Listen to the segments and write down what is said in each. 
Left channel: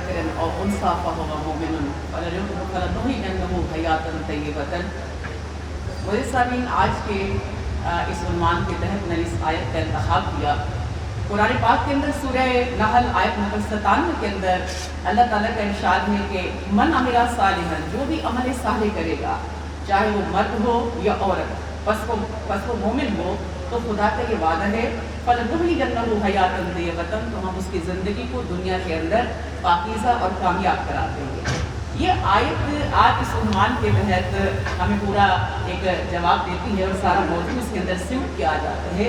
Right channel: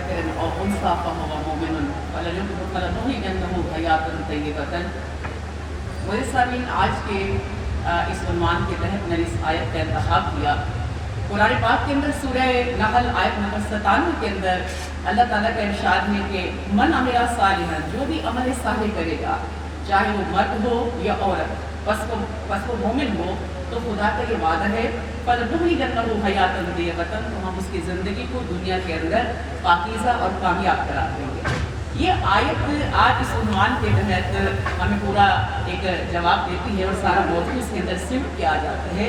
ذكر أو أنثى فهو مؤمن فلنحيينه حياة طيبة. سامعین، آج کے اس عنوان کے تحت میں نے اس آیت کا انتخاب کیا. قرآن پاک کے اندر سورہ نحل آیت نمبر 97 کے اندر اللہ تعالیٰ کا ارشاد ہے کہ من عمل صالحا، جو بھی عمل صالح کرے گا چاہے وہ مرد ہو یا عورت، پس وہ مومن ہو، تو خدا کا یہ وعدہ ہے فَلَنُحْيِيَنَّهُ حَيَاةً طَيِّبَةً، تو ہم اس کی زندگی کو دنیا کے اندر پاکیزہ اور کامیاب قرار دیں گے. یہ آیت آج اس عنوان کے تحت ہمیں پورا ایک جواب دیتی ہے اور سارا موضوع اس کے اندر سمٹ کے آ جاتا ہے.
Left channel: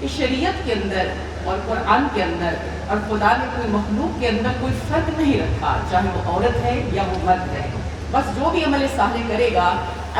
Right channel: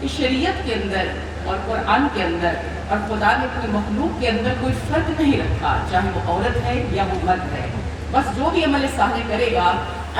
اس شریعت کے اندر اور قرآن کے اندر اور خدا نے کوئی مخلوق کے اندر کوئی فرق نہیں رکھا، چاہے وہ عورت ہے یا وہ مرد ہے. بس جو بھی عمل صالح کرے گا،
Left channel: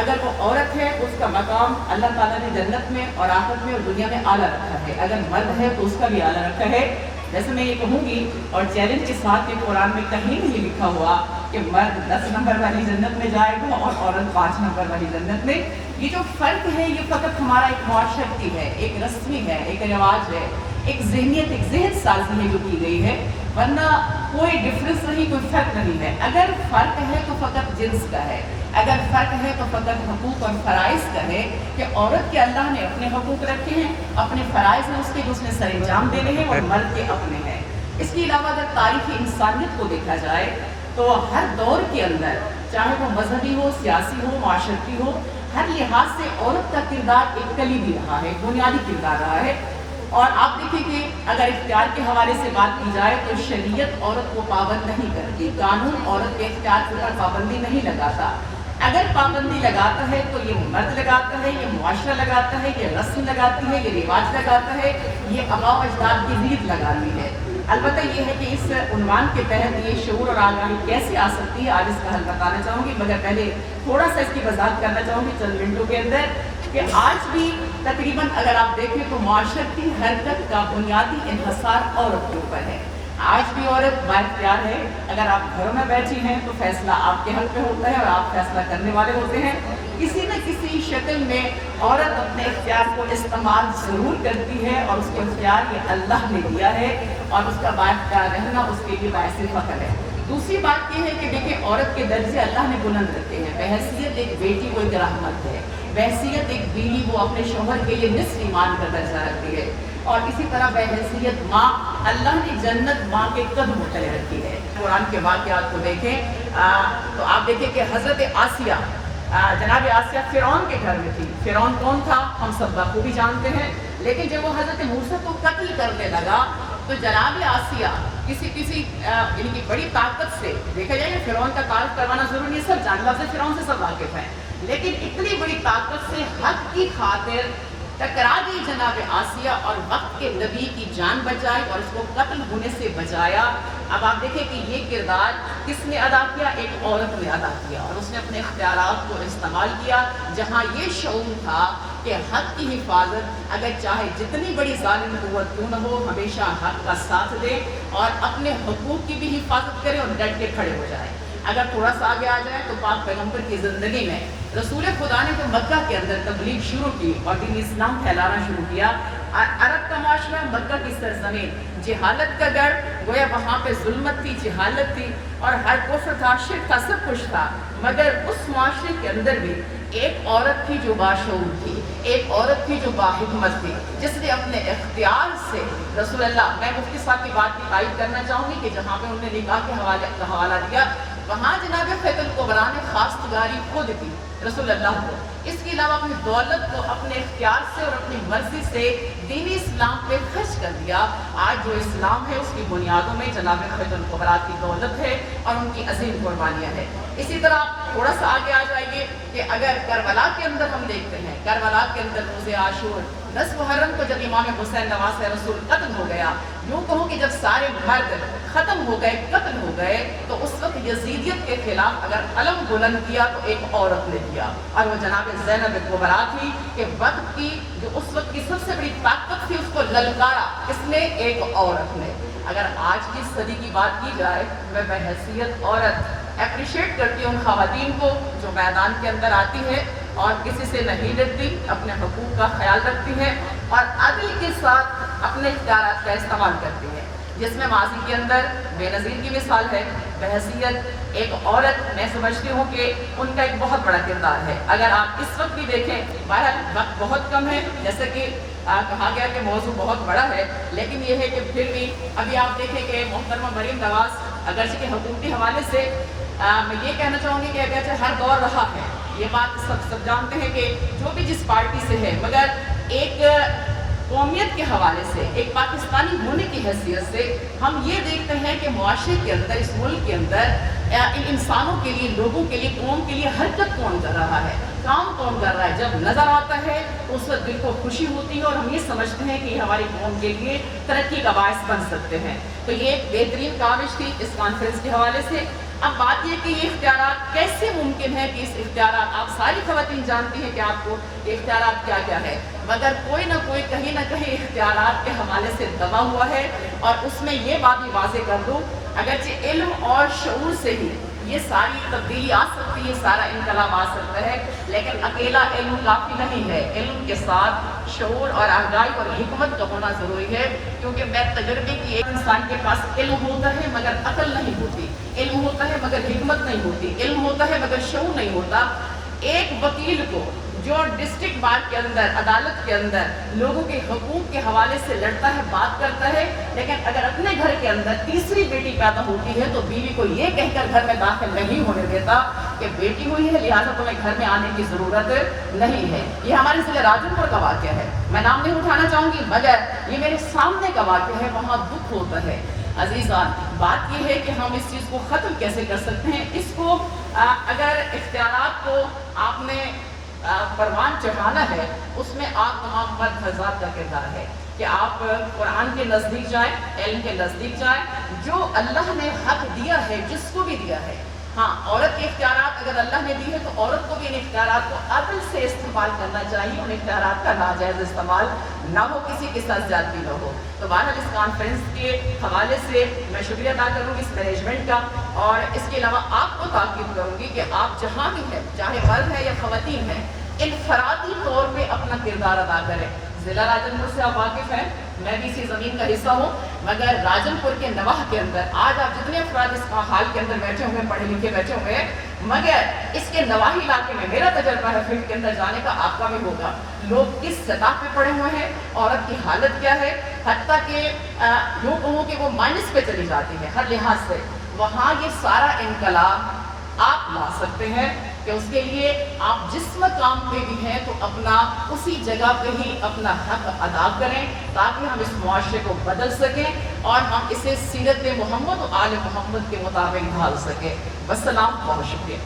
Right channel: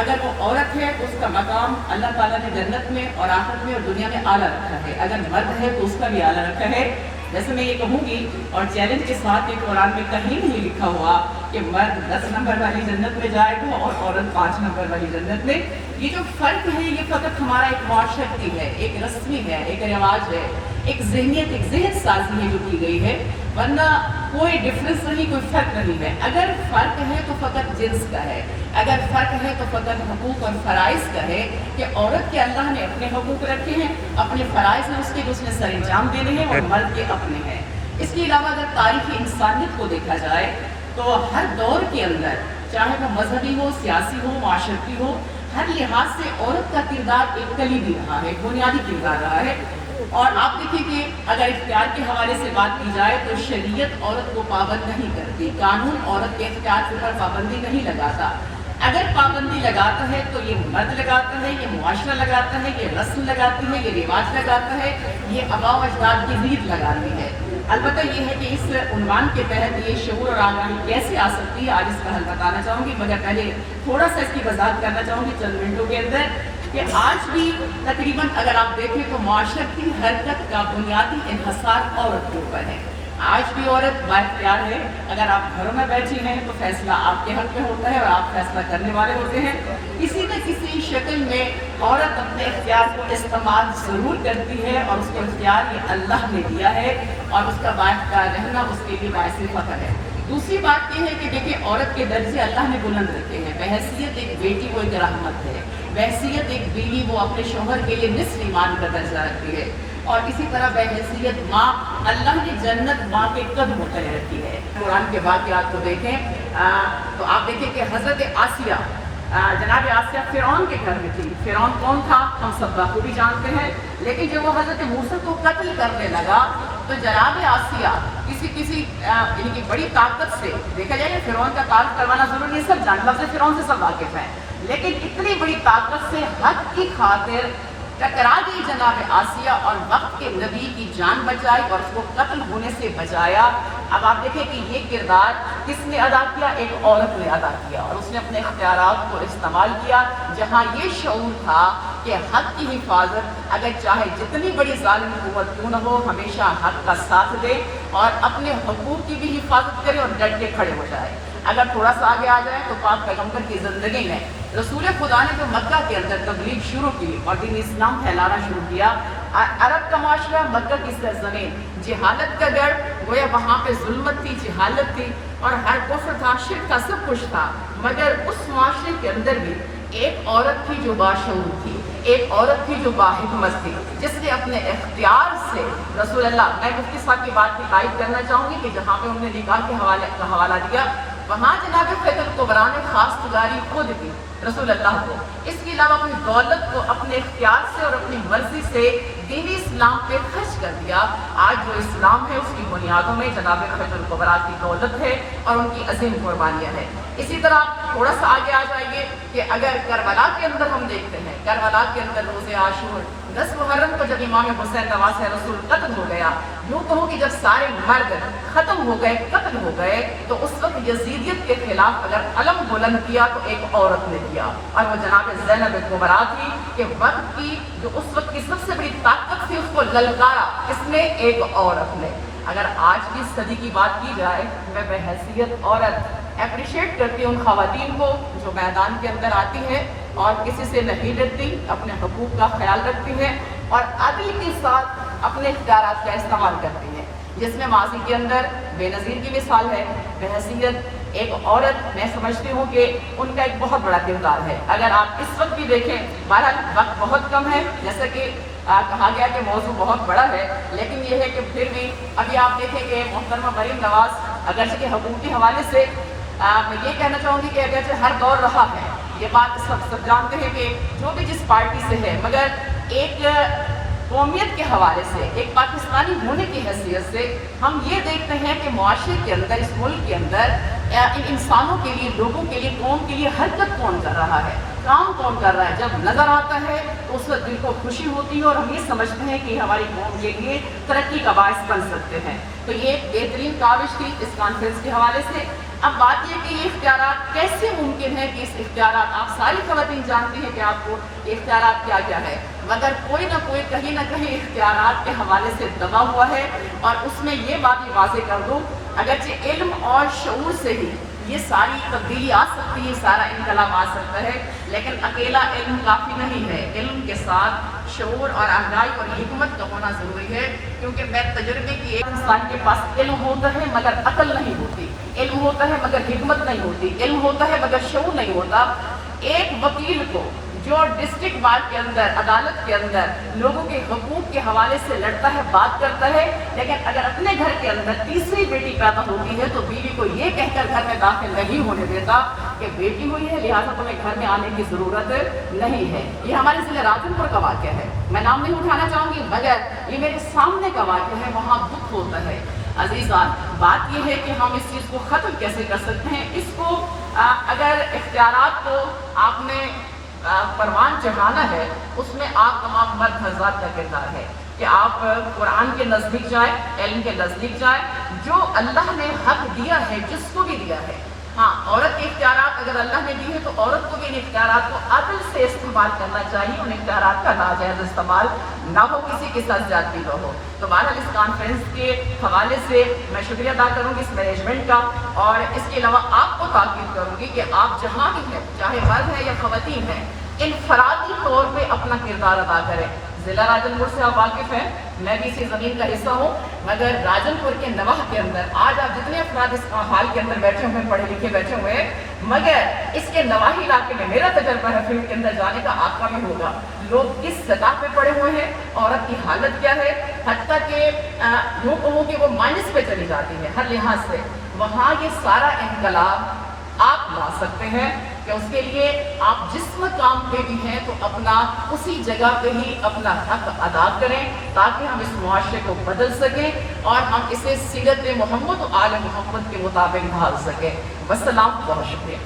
اگر وہ عورت ہے تو اس کا مقام اللہ تعالیٰ نے جنت میں اور آخرت میں اور دنیا میں اعلیٰ رکھا ہے، اگر مرد ہے تو اس کا بھی اعلیٰ رکھا ہے. ویسے میں یہ کہوں گی اور چیلنج کے ساتھ کہ قرآن میں کہیں نہیں لکھا ہوا کہ مرد 10 نمبر والی جنت میں جائے گا اور عورت 5 نمبر والی جنت میں. یہ جو فرق ہے یہ فقط ہمارا ایک معاشرتی ہے، ایک رسمی ہے، ایک رواج ہے، ایک ذہنیت، ایک ذہن سازی ہے جو کی گئی ہے، ورنہ کوئی ڈفرنس نہیں، کوئی فرق نہیں ہے. اگر فرق ہے تو فقط جنس کا ہے، اگر فرق ہے تو فقط حقوق اور فرائض کا ہے کہ عورت کے اللہ نے اپنے حقوق رکھے ہیں، اپنے فرائض ہیں اس کے جو اس نے سر انجام دینے ہیں، اور مرد کے اپنے ہیں. اس کے علاوہ اگر تاریخ انسانیت کو دیکھا جائے تو ہر دور کے اندر، چاہے وہ مذہبی ہو، سیاسی ہو، معاشرتی ہو، ہر لحاظ سے عورت کا کردار ایک کلیدی رہا ہے، بنیادی کردار رہا ہے. اور آپ دیکھیں کہ اگر اختیار کے حوالے سے بات کی جائے تو شریعت عورت کو پابند نہیں کرتی، قانون عورت کے اختیار پر پابندی نہیں لگاتا. اگر پابندی لگاتا ہے تو یہ مرد لگاتا ہے، یہ معاشرہ لگاتا ہے، یہ رسم لگاتی ہے، یہ رواج لگاتا ہے، یہ آباء و اجداد کی ریت لگاتی ہے. البتہ یہ ہے کہ اس عنوان کے تحت یہ شعور اور آگاہی کیسے آ سکتی ہے، آج اس کا حل بتانا چاہوں گی. مگر پہلے تھوڑا سا اس کی وضاحت کرنا چاہوں گی چند منٹوں کے اندر کہ آج بھی تقریباً اگر آپ دیکھیں تو معاشرتی حرکت کا بنیادی انحصار عورت کے اوپر ہے. آج بھی عورت بااختیار ہے. اگر آپ گھروں میں بیٹھی ہیں تو فیصلہ آپ کے حق پہ ہوتا ہے اور آپ فیصلہ کرنے والے ہوتے ہیں. کسی نہ کسی شکل میں عورت اپنے اختیار کو استعمال ضرور کرتی ہے، اور اس کو اختیار یہ اللہ نے دیا ہے اور اس کا بااختیار رہنا اس کے لیے باعث فخر ہے. دوسری بات یہ ہے کہ دیکھیں عورت کے درجے اللہ نے بلند رکھے ہیں. بحیثیت ایک بیٹی کو ایک رحمت ہے، بحیثیت ایک بیوی وہ اپنے شوہر کے لیے نصف ایمان کا درجہ رکھتی ہے، اور اسی طرح بحیثیت ماں اللہ نے جنت ماں کے قدموں تلے رکھی ہے. قرآن کے واقعات کو دیکھیں تو آپ دیکھیں کہ حضرت آسیہ، جناب آسیہ فرعون کے گھر میں تھی. فرعون کون تھا ہم سب بخوبی جانتے ہیں، لیکن جب وہ حضرت موسیٰ کو قتل کرنے لگا تو جناب آسیہ کسی یعنی کہ بڑی طاقت سے، دیکھا جائے کہ فرعون کا تعارف کروانا ضروری نہیں، سب جان لفظ فرعون سے سب واقف ہیں، لیکن اتنی بڑی طاقت سے حق کی خاطر ٹکرا گئی جناب آسیہ اور وقت کے نبی کی جان بچائی اور اس کو قتل ہونے سے بچایا. اب آپ دیکھیں کہ یہ کردار کس نے ادا کیا؟ ایک عورت نے ادا کیا، اور اس نے اپنے اختیارات کو استعمال کیا جہاں یہ شعور تھا کہ حق کی حفاظت، اگر چاہے جتنی بڑی ظالم قوت کیوں نہ ہو، ہمیشہ حق کا ساتھ دے اور اپنے حقوق کی بھی حفاظت کرے اور ڈٹ کے کھڑے ہو جائے. اگر تھوڑا سا آگے آ جائے تو پاک پیغمبر کی زندگی میں رسول خدا نے جو مکہ کے اندر تبلیغ شروع کی اور دین اسلام پھیلانا شروع کیا، عرب کا معاشرہ، مکہ کی سرزمین جہالت کا گڑھ، گویا وہاں پہ ظلمت تھی، جہالت تھی اور ہر کفر تھا، شرک تھا، سب کچھ تھا. مگر اس معاشرے کے اندر بھی ایک عورت تھی جو باشعور تھی، ایک عورت تھی جو باحکمت تھی، جس نے اپنے اختیار سے رسول اللہ، میں مفتی صاحب کی بات کی تائید کرنا چاہوں گی کہ جہاں پہ انہوں نے نکاح کے حوالہ دیا، وہاں جناب خیت القبریٰ نے خاص تجاری خود کی رسول اللہ کو. اس کے علاوہ اپنی دولت کو اپنے اختیار سے اور اپنی مرضی سے دین اسلام پہ خرچ کر دیا. آج جو اسلام ہے اس کی بنیادوں میں جناب خیت القبریٰ کی دولت ہے اور ان کی عظیم قربانیاں ہیں. اسی طرح تھوڑا سا آگے آ جائیے کہ اگر کربلا کے اندر ہم دیکھتے ہیں، کربلا کے اندر روز عاشور 10 محرم کو جب امام حسین نواسہ رسول قتل ہو گیا، یوں کہوں کہ جب سارے مرد ختم ہو گئے، قتل ہو گئے، تو اس وقت یزیدیت کے خلاف اگر علم بلند کیا تو ایک عورت نے کیا، اور وہ جناب زینب کبریٰ تھی کہ وقت کی جو اس وقت کی سب سے بڑی طاقت تھی اس کو للکارا اس نے ایک عورت نے. اگر آج کی صدی کی بات کی جائے، میں بحیثیت عورت اپریشیٹ کرتی ہوں خواتین کو جو میدان کے اندر آتی ہے اور کسی سے نہیں ڈرتی، اپنے حقوق کا خیال رکھتی ہے اور عدل کے ساتھ اپنے اختیارات کا استعمال کرتی ہے. جس میں ماضی کے اندر بے نظیر کی مثال ہے، بحیثیت ایک عورت میں سمجھتی ہوں کہ ان کا ایک بہت بڑا کردار ہے۔ اگر آپ اس وقت بھی دیکھیں، بہرحال وقت بہت کم ہے، جیسا کہ کہا گیا کہ موضوع بہت بڑا ہے، لیکن یہ ہے کہ پھر بھی ابھی آپ دیکھیں کہ محترمہ مریم نواز اگرچہ کہ حکومتی حوالے سے میں یہ کہنا چاہوں گی کہ اگرچہ ہر دور رہا ہے، یہ بات سب جانتے ہیں کہ جو بھی جس پارٹی سے ہے، مگر ایک قومیت کے حوالے سے، ایک پاکستانی ہونے کی حیثیت سے ہم یہ دیکھتے ہیں کہ معاشرے کے اندر، اس ملک کے اندر ان انسانوں کے لیے، لوگوں کے لیے، قوم کے لیے حرکت کون کر رہا ہے، کام کون کر رہا ہے۔ جب نظر آتا ہے تو اس وقت دل کو خوشی ہوتی ہے اور ہم یہ سمجھتے ہیں کہ ہماری قوم کے لیے ترقی کا باعث بن سکتے ہیں۔ تو یہ ایک بہترین کاوش تھی اس کانفرنس کے حوالے سے۔ اب بات یہ کہ یہ اختیارات کیسے ممکن ہے کہ اس اختیارات، آپ ساری خواتین جانتی ہیں کہ آپ کو یہ اختیارات کیا کیا ہے، مگر کوئی نہ کوئی کہیں نہ کہیں اختیارات کے حوالے سے دبا ہوا ہے۔ اور اس میں یہ بات بھی واضح کر دوں، اگرچہ علم اور شعور سے ہی یہ ساری تبدیلی آ سکتی ہے، سارا انقلاب آ سکتا ہے، لیکن اکیلا علم کافی نہیں ہے، علم کے ساتھ شعور اور آگاہی اور حکمت کا ہونا ضروری ہے۔ کیونکہ میں تجربے کی، ایک انسان کے پاس علم ہوتا ہے مگر عقل نہیں ہوتی، علم ہوتا ہے مگر حکمت نہیں ہوتی، علم ہوتا ہے مگر شعور نہیں ہوتا۔ ایک وکیل کو جو ڈسٹرکٹ بار کے اندر، عدالت کے اندر لوگوں کے حقوق کے حوالے سے لڑتا ہے، بات کرتا ہے، لیکن اگر اپنے گھر کے اندر تیسری بیٹی پیدا ہوتی ہے تو بیوی کو یہ کہہ کر گھر میں داخل نہیں ہونے دیتا کہ بیٹی ہوئی ہے لہٰذا تمہیں گھر میں آنے کی ضرورت نہیں ہے۔ یہ ہمارے ضلع راجن پور کا واقعہ ہے، میں نام نہیں اٹھانا چاہوں گی، مگر یہ میرے سامنے کا واقعہ ہے، وہاں دکھ ہوتا ہے۔ عزیزان، بات یہ ہے کہ ہم اس چیز کو ختم کیسے کر سکتے ہیں؟ اس کو اگر اختیارات کو آپ نے پروان چڑھانا ہے، اس میں آپ تمام مرد حضرات کا کردار ہے کہ آپ قرآن کے نزدیک جائیں، علم کے نزدیک جائیں، جو اللہ نے حق دیا ہے، جس کو بھی دیا ہے۔ ہاں، عورت کے اختیارات اگر اللہ نے دی ہے تو عورت کو بھی ان اختیارات کو عقل سے استعمال کرنا چاہیے، ان اختیارات کا ناجائز استعمال نہ ہو، کسی کے ساتھ زیادتی نہ ہو۔ تو بہرحال اس کانفرنس کے حوالے سے میں شکریہ ادا کروں گی اس مینجمنٹ کا، اور اس کے علاوہ آپ کو تاکید کروں گی کہ آپ جہاں بھی ہیں، چاہے مرد ہے یا خواتین ہیں، انفرادی طور پہ اپنا کردار ادا کریں۔ ضلع راجن پور سے آپ واقف ہیں، میں بھی اسی زمین کا حصہ ہوں، مگر راجن پور کے نواح کے اندر آج آپ جتنے افراد اس حال کے اندر بیٹھے ہوئے ہیں، پڑھے لکھے بیٹھے ہوئے ہیں، مگر اس کے نواحی علاقے میں میرا تجربہ ہے فیلڈ کے اندر جانے کا، آپ کا بھی ہوگا، لوگ کس سطح پہ پڑے ہوئے ہیں، عورت کی حالت کیا ہے، حتیٰ کہ یوں کہوں کہ وہ مائنس پہ چلی جاتی ہے ہر لحاظ سے۔ وہاں یہ سارا انقلاب آپ لا سکتے ہیں کہ اس کے لیے آپ جس مقام پہ بھی ہیں تو اپنا اسی جگہ پہ ہی اپنا حق ادا کریں، تاکہ ہم اس معاشرے کو بدل سکیں اور ہم اسے سیرت محمد و آل محمد کے مطابق ڈھال سکیں۔ والسلام، بہت شکریہ۔